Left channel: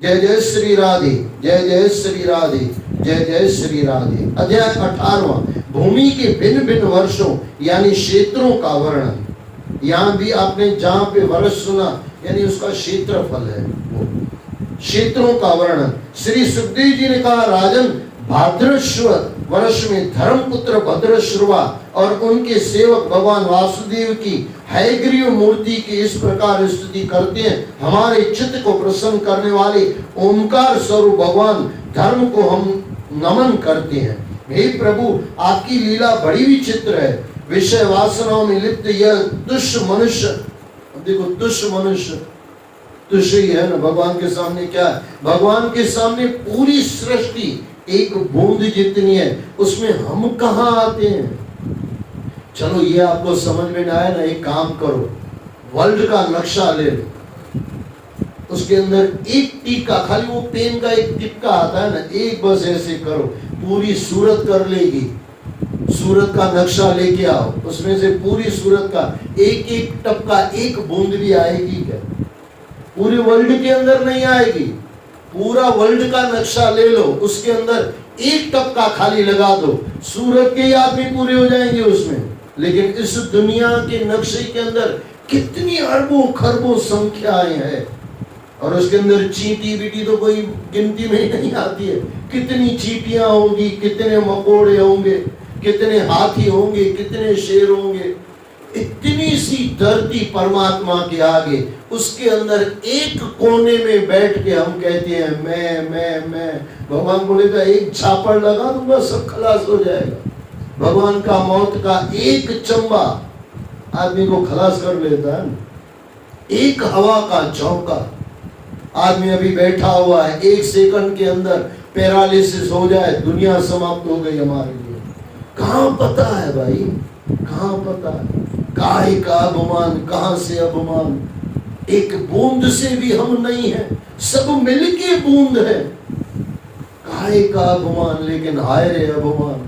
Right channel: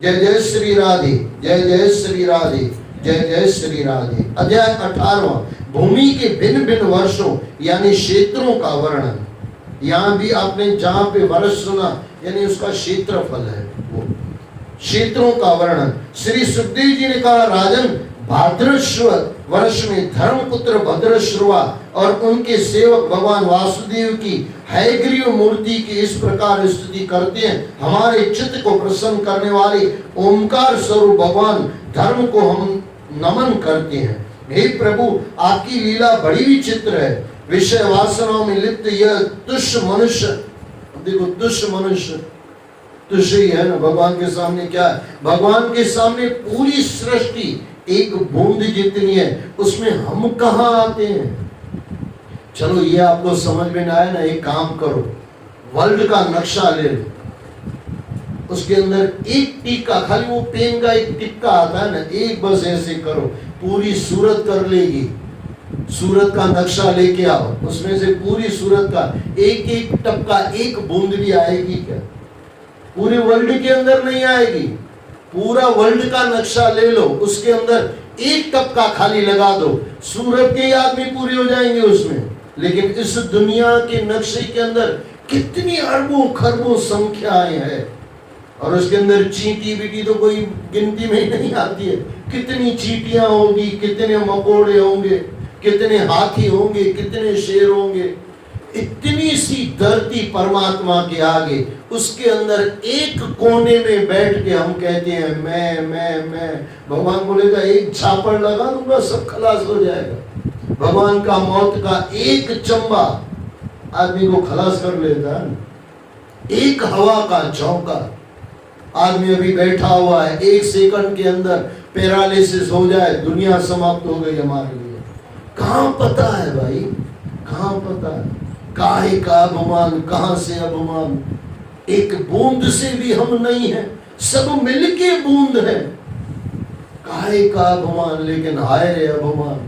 जय जय श्री राधे, जय जय श्री राधे, जय जय श्री राधे। अध्याय 18वां, भूमि के भिन्न भिन्न वर्षों यानी क्षेत्रों का वर्णन। यहाँ भी आपने जहाँ पे वर्ष सुना यानी उसका क्षेत्रफल है, वो क्षेत्रों का वर्णन। श्री सुखदेव जी ने कहा, राजन, भाद्रश्व वर्ष में धर्मपुत्र भद्रश्रुवा और उनके सेवक भगवान वासुदेव की हयग्रीव मूर्ति की इस प्रकार स्तुति करते हैं। हमारे चित्त को प्रसन्न करने वाले ओमकार स्वरूप भगवान धर्म को हम नमन करते हैं। हे प्रभु, आपकी लीला बड़ी विचित्र है। विषय वासनाओं में लिप्त यह तुच्छ मनुष्य, देखो तुच्छ मनुष्य, तुच्छ ही है ना। भगवान के सामने क्या है? भगवान के सामने पूरी सृष्टि एक बूंद जितनी है, उसमें हम कहाँ आते हैं? चलो ये आपको समझ में ना आया ना, एक काम करो, वर्ल्ड का नक्शा ले लो, उसके अंदर एक टीका, खाली वो पेन का एक टिक्का आता है ना, एक बस ऐसे करो, पूरी सूरत कर लेगी। सूरत का नक्शा लेके आओ, उसमें से पूरी सूरत का एक एक टपका, एक बूंद भी आएगी क्या? पूरे वर्ल्ड के अंदर नहीं आएगी। पूरा वर्ल्ड का नक्शा ले लो, उसके अंदर एक टपका खाली लगा दो, सूरत के याद भी पूरे हो जाएंगे उसमें। लेकिन इस दुनिया के नक्शे के अंदर कितनी अरबों खरबों संख्याएं हैं, और उसके अंदर चींटी बीटी तो कोई गिनती में ही नहीं आती है। कितनी चींटियां होंगी, कितने मकोड़े होंगे, कितने हाथी होंगे, कितने शेर होंगे। इतनी सी धरती परमात्मा के आगे, उसके अंदर एक कोने में बैठ के हम कहते हैं मैं। भगवान बोलेगा एक झापड़ लगा दूंगा, सब खलास हो जाएगा। भगवान का मौत का एक चंबा आदमी को खलास कर लेता है। एक हवा का झोंका, आदमी अभी बैठा हुआ है, एक सेकंड के अंदर पैरालिसिस हो जाए, दुनिया समाप्त हो गई हमारे लिए। कहाँ पता है भाई, कहाँ पता है? काहे का अभिमान, कहाँ से अभिमान? एक बूंद से भी हम नहीं है, सब मिलके बूंद है। काहे का अभिमान, लेकिन हाय रे अभिमान,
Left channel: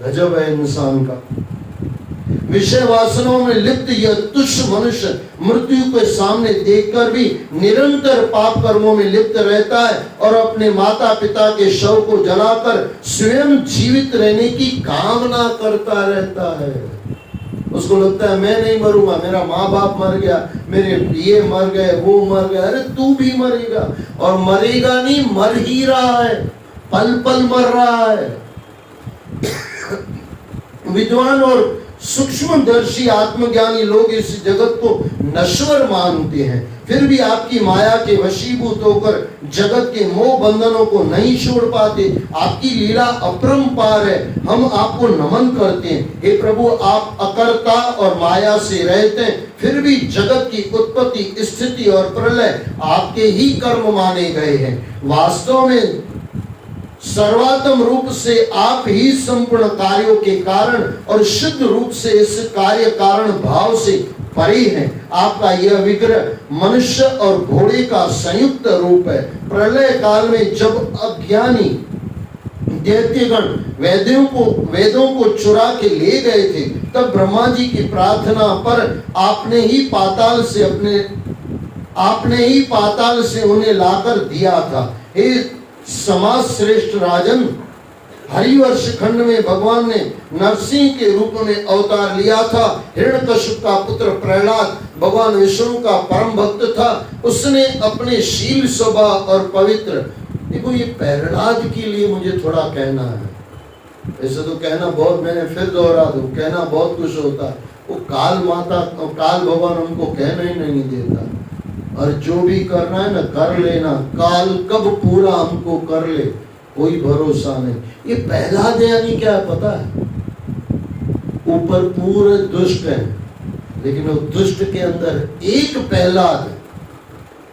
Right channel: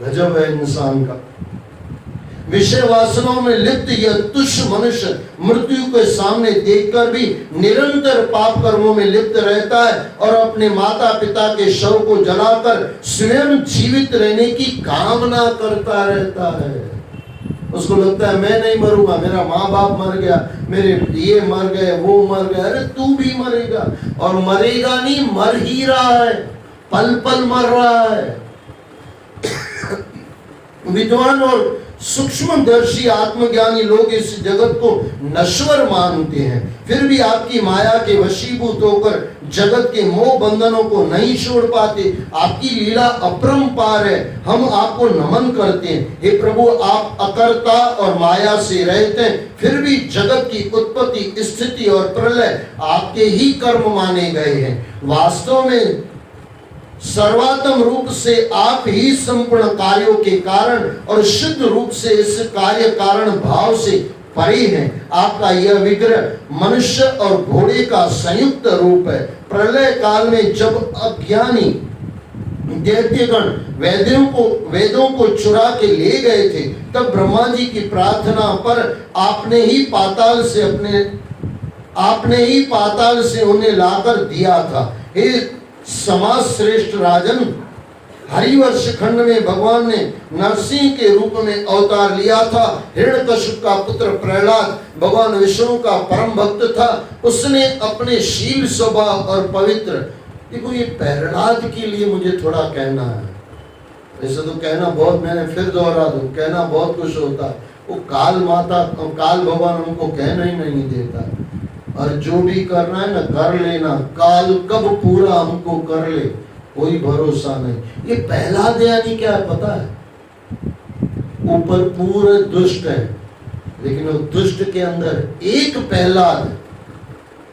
गजब है इंसान का। विषय वासनाओं में लिप्त यह तुच्छ मनुष्य मृत्यु के सामने देखकर भी निरंतर पाप कर्मों में लिप्त रहता है और अपने माता पिता के शव को जलाकर स्वयं जीवित रहने की कामना करता रहता है। उसको लगता है मैं नहीं मरूंगा, मेरा माँ बाप मर गया, मेरे ये मर गए, वो मर गए। अरे तू भी मरेगा, और मरेगा नहीं, मर ही रहा है, पल पल मर रहा है। विद्वान और सूक्ष्मदर्शी आत्मज्ञानी लोग इस जगत को नश्वर मानते हैं, फिर भी आपकी माया के वशीभूत होकर जगत के मोह बंधनों को नहीं छोड़ पाते। आपकी लीला अपरंपार है, हम आपको नमन करते हैं। हे प्रभु, आप अकर्ता और माया से रहते हैं, फिर भी जगत की उत्पत्ति, स्थिति और प्रलय आपके ही कर्म माने गए हैं। वास्तव में सर्वात्म रूप से आप ही संपूर्ण कार्यों के कारण और शुद्ध रूप से इस कार्य कारण भाव से परे हैं। आपका यह विग्रह मनुष्य और घोड़े का संयुक्त रूप है। प्रलय काल में जब अज्ञानी दैत्यगण वेदों को चुरा के ले गए थे, तब ब्रह्मा जी की प्रार्थना पर आपने ही पाताल से उन्हें लाकर दिया था। हे समाज श्रेष्ठ राजन, हरिवर्ष खंड में भगवान ने नरसिंह के रूप में अवतार लिया था। हिरण्यकश्यप का पुत्र प्रहलाद भगवान विष्णु का परम भक्त था। उसने अपने शील स्वभाव और पवित्र, देखो ये प्रहलाद के लिए मुझे थोड़ा कहना है, ऐसे तो कहना बहुत, मैंने फिर दोहरा दूं, कहना बहुत कुछ होता, वो काल भगवान उनको कहना ही नहीं देता। और जो भी करना है ना कर लेना, काल कब पूरा हमको कर ले कोई भरोसा नहीं। ये प्रहलाद यानी क्या है पता है? ऊपर पूरे दुष्ट है, लेकिन वो दुष्ट के अंदर एक प्रहलाद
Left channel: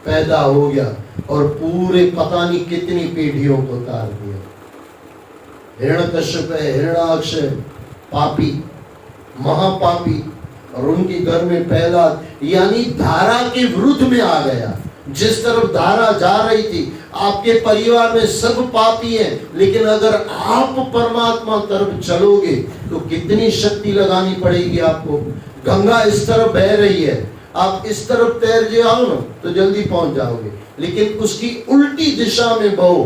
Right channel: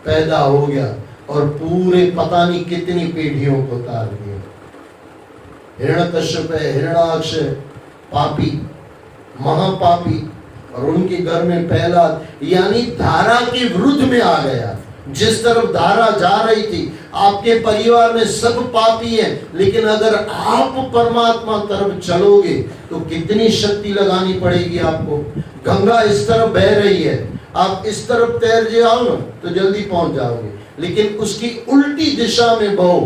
पैदा हो गया और पूरे पता नहीं कितनी पीढ़ियों को उतार दिया। हिरण्यकश्यप है, हिरण्याक्ष है, पापी, महापापी, और उनके घर में प्रहलाद, यानी धारा के विरुद्ध में आ गया। जिस तरफ धारा जा रही थी, आपके परिवार में सब पापी हैं, लेकिन अगर आप परमात्मा तरफ चलोगे तो कितनी शक्ति लगानी पड़ेगी आपको। गंगा इस तरफ बह रही है, आप इस तरफ तैर जाओ ना तो जल्दी पहुंच जाओगे, लेकिन उसकी उल्टी उल्टी दिशा में बहो।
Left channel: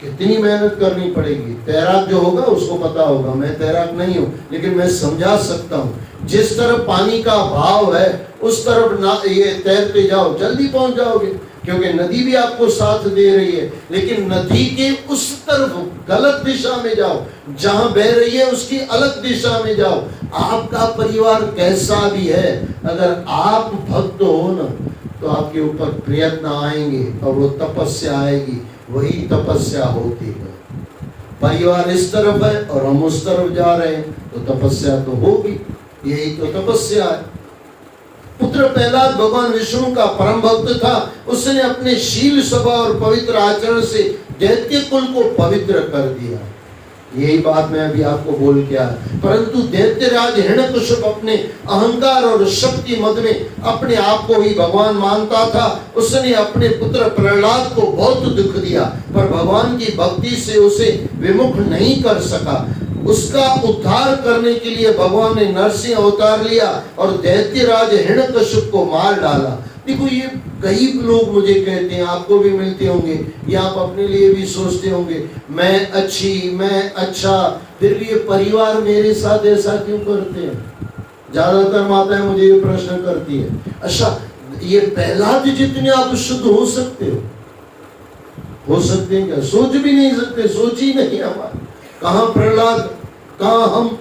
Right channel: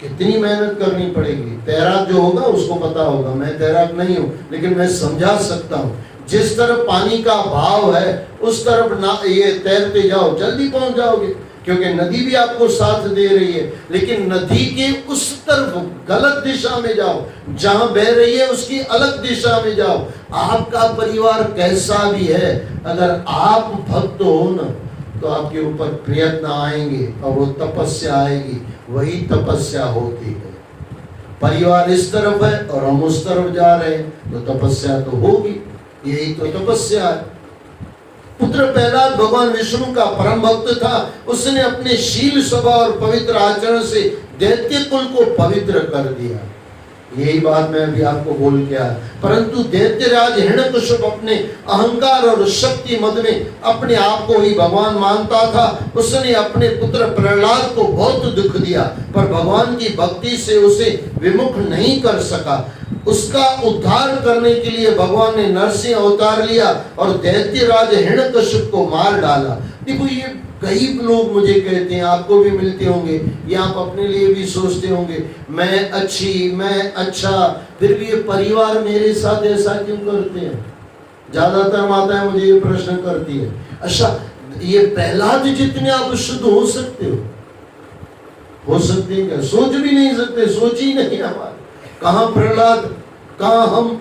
कितनी मेहनत करनी पड़ेगी। तैराक जो होगा उसको पता होगा, मैं तैराक नहीं हूं लेकिन मैं समझा सकता हूं। जिस तरफ पानी का भाव है उस तरफ ना ये तैरते जाओ, जल्दी पहुंच जाओगे, क्योंकि नदी भी आपको साथ दे रही है। लेकिन नदी के उस तरफ गलत दिशा में जाओ, जहां बह रही है उसकी अलग दिशा में जाओ। आपका परिवार कैसा भी है, अगर आप भक्त हो ना तो आपके ऊपर प्रयत्न आएंगे और वो तपस्या आएगी। वही तपस्या होती है। परिवार इस तरफ है और हम उस तरफ जा रहे हैं तो तपस्या तो होगी। यही तो तपस्या है। पुत्र प्रहलाद भगवान विष्णु का परम भक्त था। उसने अपने शील स्वभाव और पवित्र आचरण से दैत्य कुल को पवित्र कर दिया। यही बात मैं अभी आपको बोल के आया। परंतु दैत्यराज हिरण्यकश्यप अपने अहंकार और शक्ति मद में अपने आप को ही भगवान मानता था। उसने अपने पुत्र प्रहलाद को बहुत दुख दिया, पर भगवान की भक्ति से उसे विमुख नहीं कर सका। उसका उद्धार करने के लिए भगवान ने नरसिंह अवतार लिया और दैत्यराज हिरण्यकश्यप को मार डाला। देखो, ये कई लोग मुझे कहते हैं, आपको भी मिलते होंगे या आप अपने लिए भी सोचते होंगे, मैं अच्छी, मैं अच्छा, फिर भी ये परिवार मेरे साथ ऐसा क्यों करते हैं। ज्यादातर माताएं मुझे ये प्रश्न करती है, अच्छा ये प्रहलाद जितने आप शुद्ध हो सकते हो सकते हैं क्या? सोच भी नहीं सकते, सोच ही नहीं हमारे। कहां प्रहलाद, कहां हम।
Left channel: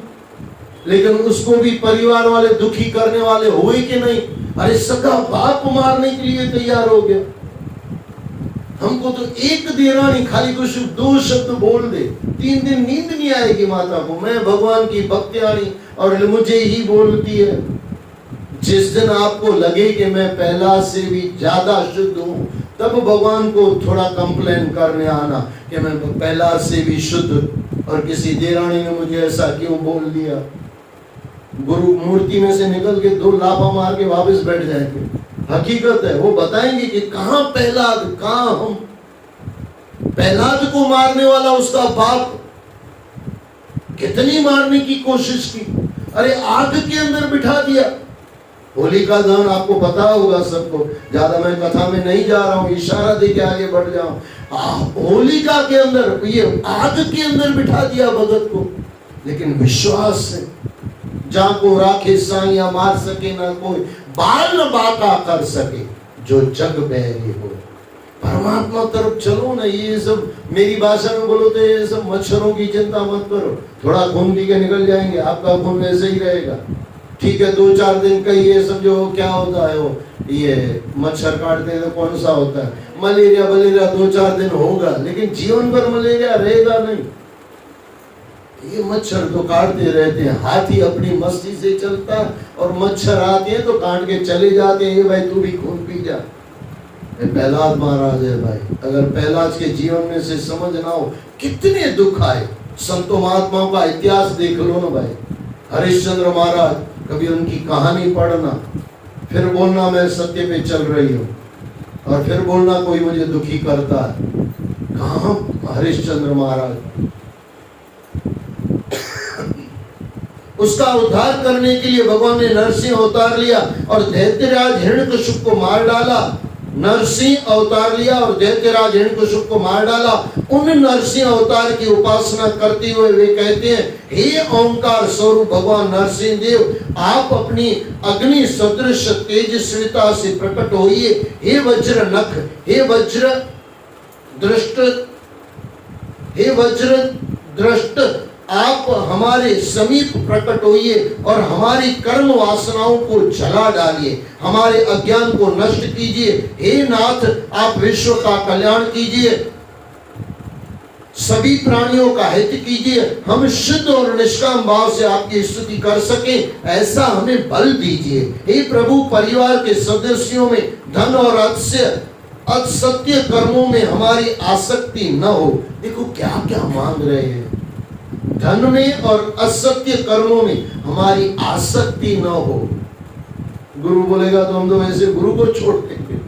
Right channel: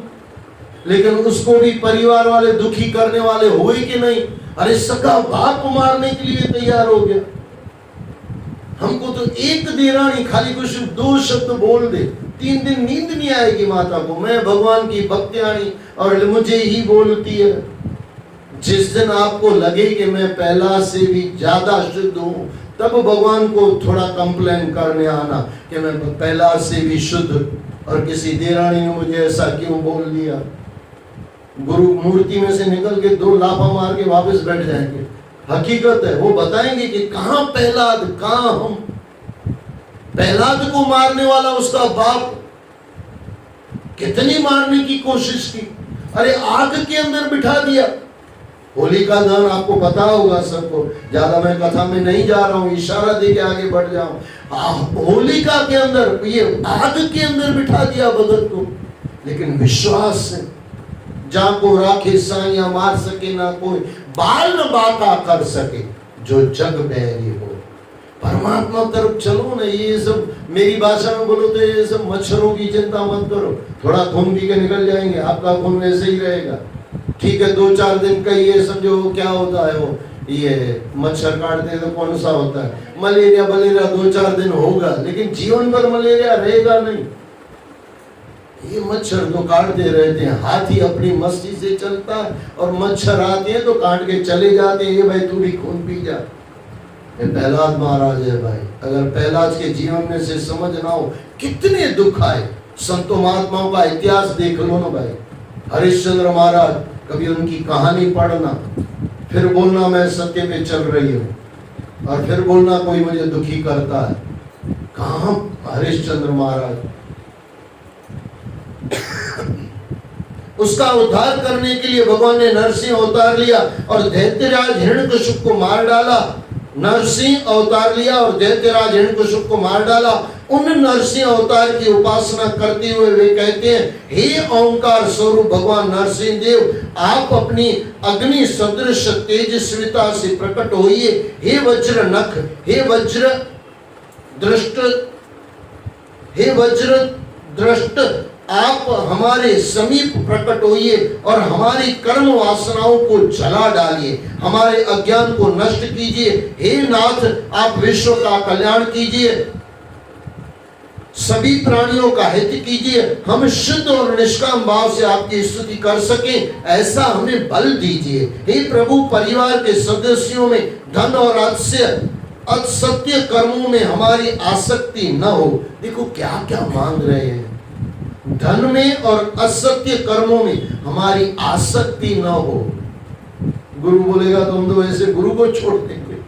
लेकिन उसको भी परिवार वाले दुखी करने वाले हुए कि नहीं। अरे सका बाप मारने के लिए तैयार हो गया। हमको तो एक देरानी खाली कुछ 2 शब्द बोल दे, 3 दिन नींद नहीं आएगी माता को। मैं भगवान की भक्तियानी और मुझे ही बोलती है। जिस दिन आपको लगे कि मैं प्रहलाद से भी ज्यादा शुद्ध हूं, तब भगवान को थोड़ा कंप्लेन करने आना कि मैं प्रहलाद से भी शुद्ध, और किसी देरानी ने मुझे ऐसा क्यों बोल दिया। गुरु मूर्ति में से निकल के 2 लाफा मार के वापस बैठ जाएंगे। हकीकत है, वो बताएंगे कि कहां प्रहलाद, कहां हम। प्रहलाद को मारने वाला उसका बाप कितनी मारने की कोशिश की। अरे आग के अंदर बिठा दिया। होलिका दहन आपको पता होगा सबको, ज्यादा मैं कथा में नहीं जा रहा हूं, इशारा दे के आगे बढ़ जाऊं। होलिका के अंदर, ये आग के अंदर बिठा दिया भगत को। लेकिन विश्वास से, जहां को राखे साइया मार सके ना कोई, बाल न बाका कर सके जो जग बैरी हो। परमात्मा तरफ चलो ना। ये सब मेरी भाषा में बोलो तो ये सब मच्छरों की चिंता मत करो, थोड़ा खून पी के निकल जाएंगे, आपका खून ऐसे ही रहेगा। ठीक है, 2-4 दिन का ये सब जो क्या होता है, वो ये मच्छर काटते हैं तो कौन सा होता है, मलेरिया 2-4 दिन होगा, लेकिन जीवन भर मलेरिया रहेगा नहीं। ये मच्छर तो काटते रहते हैं। हाथी अपनी मस्ती से चलता है और मच्छर आते हैं तो काट के चले जाते हैं। ये भाई तू भी खून पी जा। प्रहलाद महाराज है भाई। अगर प्रहलाद के जीवन में से समझ ना हो कितने दुख आए। संतों महात्माओं का इतिहास देख लो ना भाई। हरिश्चंद्र महाराज, कभी उनकी कहानी पढ़ना, फिर बोलना मैं सत्य पे चल रही हूँ, और फिर बोलना कोई मुझे दुखी करता है। कहां हरिश्चंद्र महाराज। उसका उद्धार करने के लिए भगवान ने नरसिंह अवतार लिया और दैत्यराज हिरण्यकश्यप को मार डाला। नरसिंह अवतार लिया और दैत्यराज हिरण्यकश्यप को मार डाला। उन नरसिंह अवतार की उपासना करते हुए वे कहते हैं, हे ओंकार स्वरूप भगवान नरसिंह देव, आप अपनी अग्नि सदृश तेजस्विता से प्रकट होइए। हे वज्र नख, हे वज्र दृष्ट, आप हमारे समीप प्रकट होइए और हमारी कर्म वासनाओं को जला डालिए, हमारे अज्ञान को नष्ट कीजिए। हे नाथ, आप विश्व का कल्याण कीजिए, सभी प्राणियों का हित कीजिए। हम शुद्ध और निष्काम भाव से आपकी स्तुति कर सकें, ऐसा हमें बल दीजिए। हे प्रभु, परिवार के सदस्यों में धन और असत्य कर्मों में हमारी आसक्ति न हो। देखो क्या क्या मांग रहे हैं। धन में और असत्य कर्मों में हमारी आसक्ति न हो। गुरु बोलेगा तो हम तो वैसे गुरु को छोड़ देंगे।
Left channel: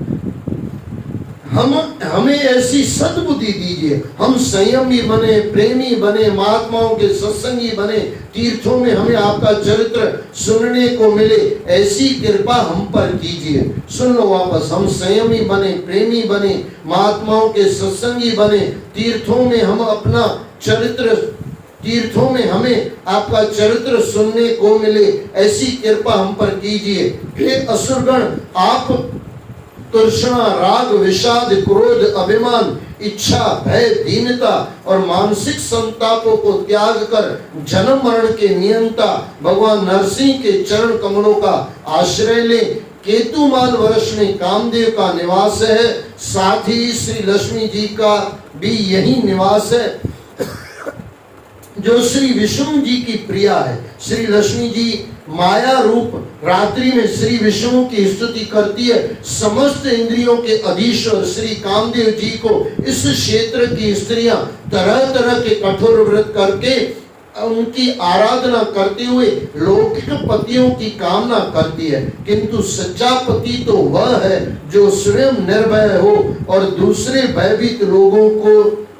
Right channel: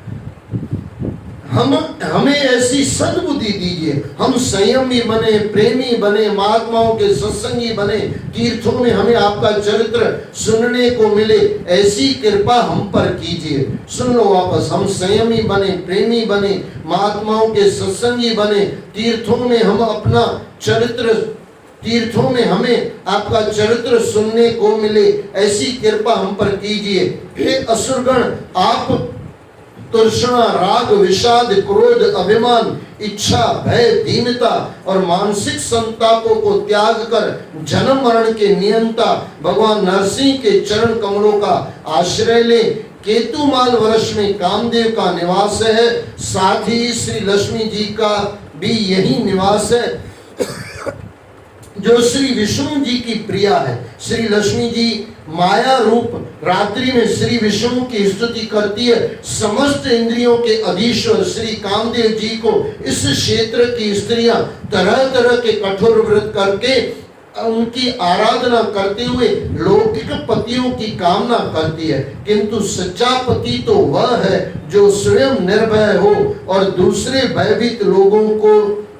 हमें ऐसी सद्बुद्धि दीजिए, हम संयमी बने, प्रेमी बने, महात्माओं के सत्संगी बने, तीर्थों में हमें आपका चरित्र सुनने को मिले, ऐसी कृपा हम पर कीजिए। सुन लो वापस, हम संयमी बने, प्रेमी बने, महात्माओं के सत्संगी बने, तीर्थों में हमें आपका चरित्र सुनने को मिले, ऐसी कृपा हम पर कीजिए। हे असुरगण, आप तृष्णा, राग, विषाद, क्रोध, अभिमान, इच्छा, भय, दीनता और मानसिक संतापों को त्याग कर जन्म मरण के नियंता भगवान नरसिंह के चरण कमलों का आश्रय ले। केतुमाल वर्ष में कामदेव का निवास है, साथ ही श्री लक्ष्मी जी का भी यही निवास है, जो श्री विष्णु जी की प्रिया है। श्री लक्ष्मी जी माया रूप रात्रि में श्री विष्णु की स्तुति करती है। समस्त इंद्रियों के अधीश्वर श्री कामदेव जी को इस क्षेत्र की स्त्रियां तरह तरह के कठोर व्रत करके उनकी आराधना करते हुए लौकिक पतियों की कामना करती है, किंतु सच्चा पति तो वह है जो स्वयं निर्भय हो और दूसरे भयभीत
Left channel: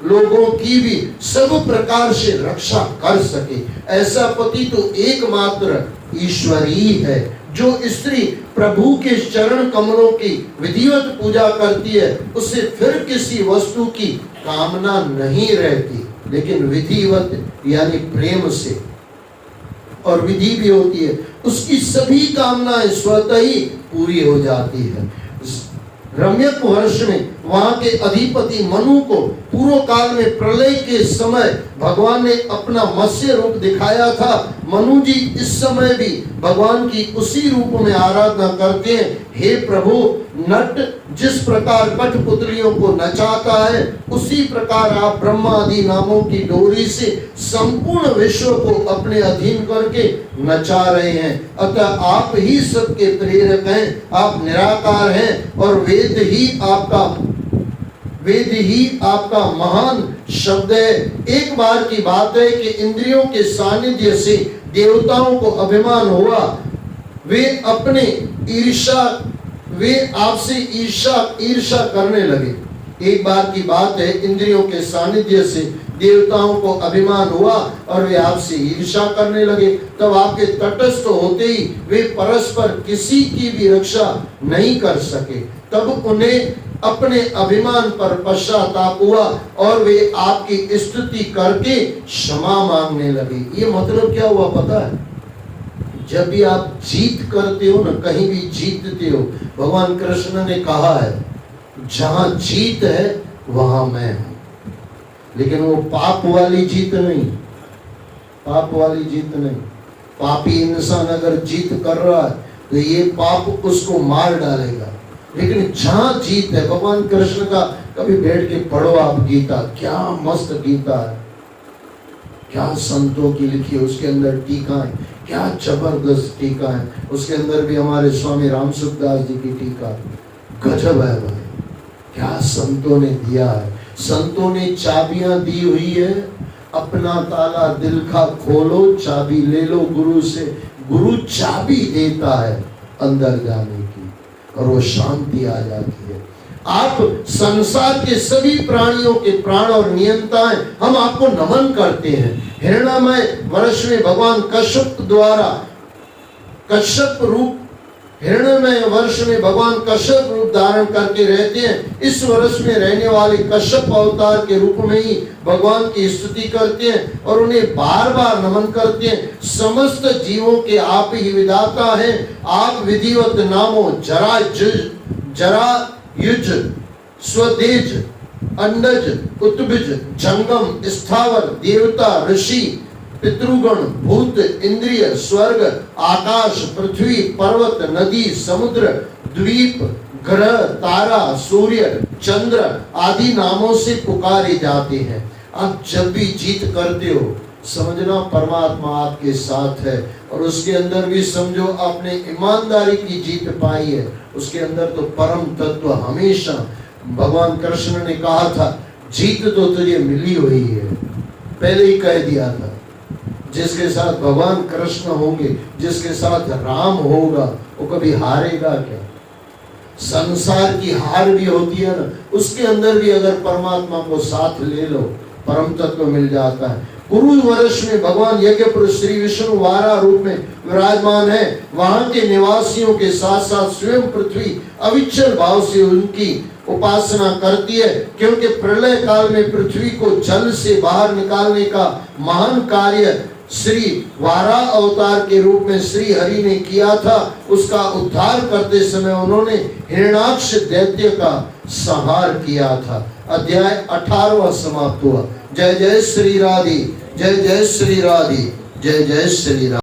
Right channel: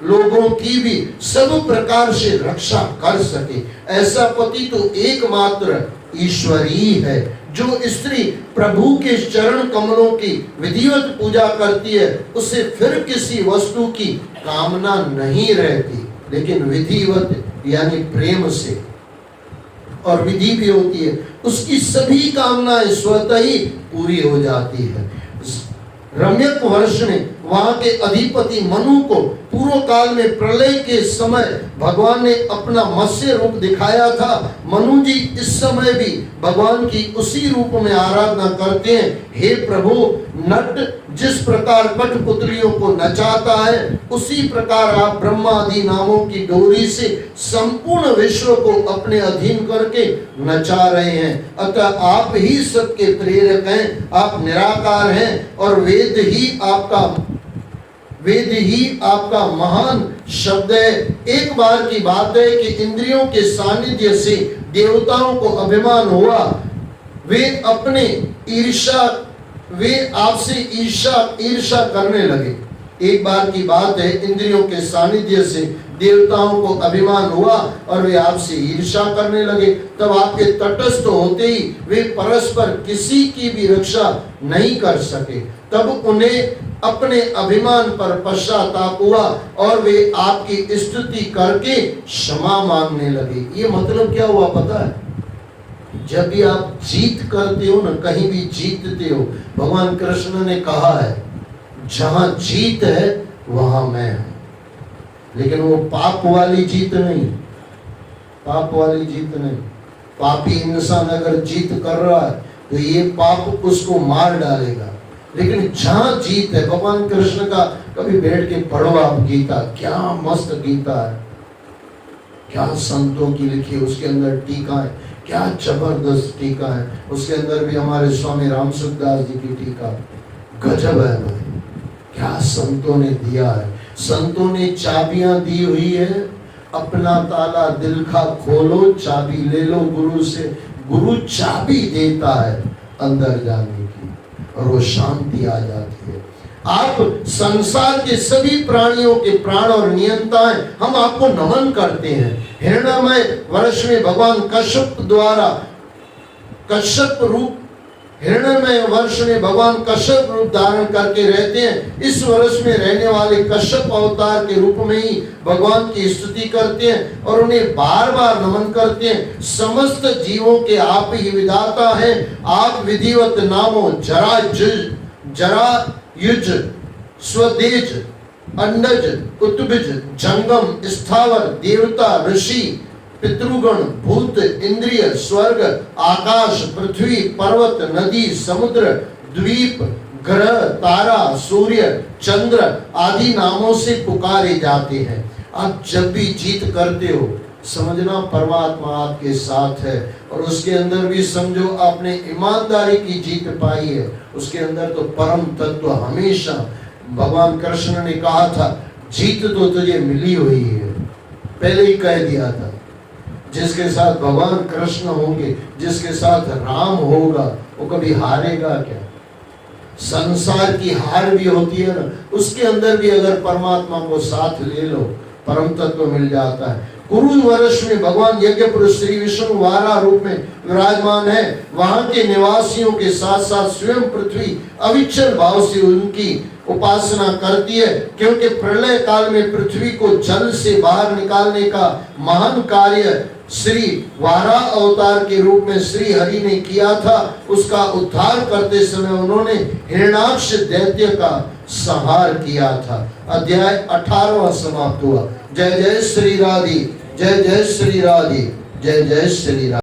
लोगों की भी सब प्रकार से रक्षा कर सके। ऐसा पति तो एकमात्र ईश्वर ही है। जो स्त्री प्रभु के चरण कमलों की विधिवत पूजा करती है, उसे फिर किसी वस्तु की कामना नहीं रहती, लेकिन विधिवत यानी प्रेम से, और विधि भी होती है, उसकी सभी कामनाएं स्वतः ही पूरी हो जाती है। रम्यक वर्ष में वहां के अधिपति मनु को पूर्व काल में प्रलय के समय भगवान ने अपना मत्स्य रूप दिखाया था। मनु जी इस समय भी भगवान की उसी रूप में आराधना करते हैं। हे प्रभु, नट जिस प्रकार कठपुतलियों को नचाता है, उसी प्रकार आप ब्रह्मा आदि नामों की डोरी से संपूर्ण विश्व को अपने अधीन करके नचा रहे हैं। अतः आप ही सबके प्रेरक हैं, आप निराकार हैं और वेद ही आपका महान शब्द है। एक बार की बात है कि इंद्रियों के सानिध्य से देवताओं को अभिमान हुआ, वे आपसे ईर्षा करने लगे। एक बार की बात है, इंद्रियों के सानिध्य से देवताओं को अभिमान हुआ और वे आपसे ईर्षा करने लगे। तब आपके तटस्थ होते ही वे परस्पर किसी की भी रक्षा नहीं कर सके। तब उन्हें अपने अभिमान पर पश्चाताप हुआ और वे आपकी स्तुति करके क्षमा मांगने लगे। ये मतलब क्या हुआ पता है? जब भी आप जीत करते हो ना, कहीं भी जीतते हो, भगवान कृष्ण ने कहा है जहां जीत है वहां मैं हूं। लेकिन वो पाप वाली जीत नहीं, पापी इंसान अगर जीत कर रहा है तो ये पाप उसको मार डालेगा। लेकिन जहां जीत है, भगवान कृष्ण का कभी बैठ के पढ़ो आप गीता, क्या मस्त गीता है, क्या संतों की लिखी, उसके अंदर टीका है, क्या जबरदस्त टीका है। उसके अंदर भी हमारे स्वामी राम सुखदास जी की टीका गजब है भाई, क्या संतों ने दिया है। संतों ने चाबियां दी हुई है, अपना ताला दिल का खोलो, चाबी ले लो गुरु से। गुरु चाबी देता है अंदर जाने की और वो शांति आ जाती है। आप संसार के सभी प्राणियों के प्राण और नियंता हैं, हम आपको नमन करते हैं। हिरण्यमय वर्ष में भगवान कश्यप रूप धारण करके रहते हैं। इस वर्ष में रहने वाले कश्यप अवतार के रूप में ही भगवान की स्तुति करते हैं और उन्हें बार बार नमन करते हैं। समस्त जीवों के आप ही विधाता हैं। आप विधिवत नामों जरायुज, स्वदेज, अंडज, उत्बिज, जंगम, स्थावर, देवता, ऋषि, पितृगण, भूत, इंद्रिय, स्वर्ग, आकाश, पृथ्वी, पर्वत, नदी, समुद्र, द्वीप, ग्रह, तारा, सूर्य, चंद्र आदि नामों से पुकारे जाते हैं। आप जब भी जीत करते हो, समझना परमात्मा आपके साथ है। और उसके अंदर भी समझो आपने ईमानदारी की जीत पाई है, उसके अंदर तो परम तत्व हमेशा। भगवान कृष्ण ने कहा था जीत तो तुझे मिली हुई है, पहले ही कह दिया था। जिसके साथ भगवान कृष्ण होंगे, जिसके साथ राम होगा, वो कभी हारेगा क्या? संसार की हार भी होती है ना, उसके अंदर भी अगर परमात्मा को साथ ले लो, परम तत्व मिल जाता है। कुरु वर्ष में भगवान यज्ञ पुरुष श्री विष्णु वारा रूप में विराजमान है। वहां के निवासियों के साथ साथ स्वयं पृथ्वी अविचल भाव से उनकी उपासना करती है, क्योंकि प्रलय काल में पृथ्वी को जल से बाहर निकालने का महान कार्य श्री वारा अवतार के रूप में श्री हरि ने किया था। उसका उद्धार करते समय उन्होंने हिरण्याक्ष दैत्य का संहार किया था। अध्याय 18वां समाप्त हुआ। जय जय श्री राधे, जय जय श्री राधे, जय जय श्री राधे।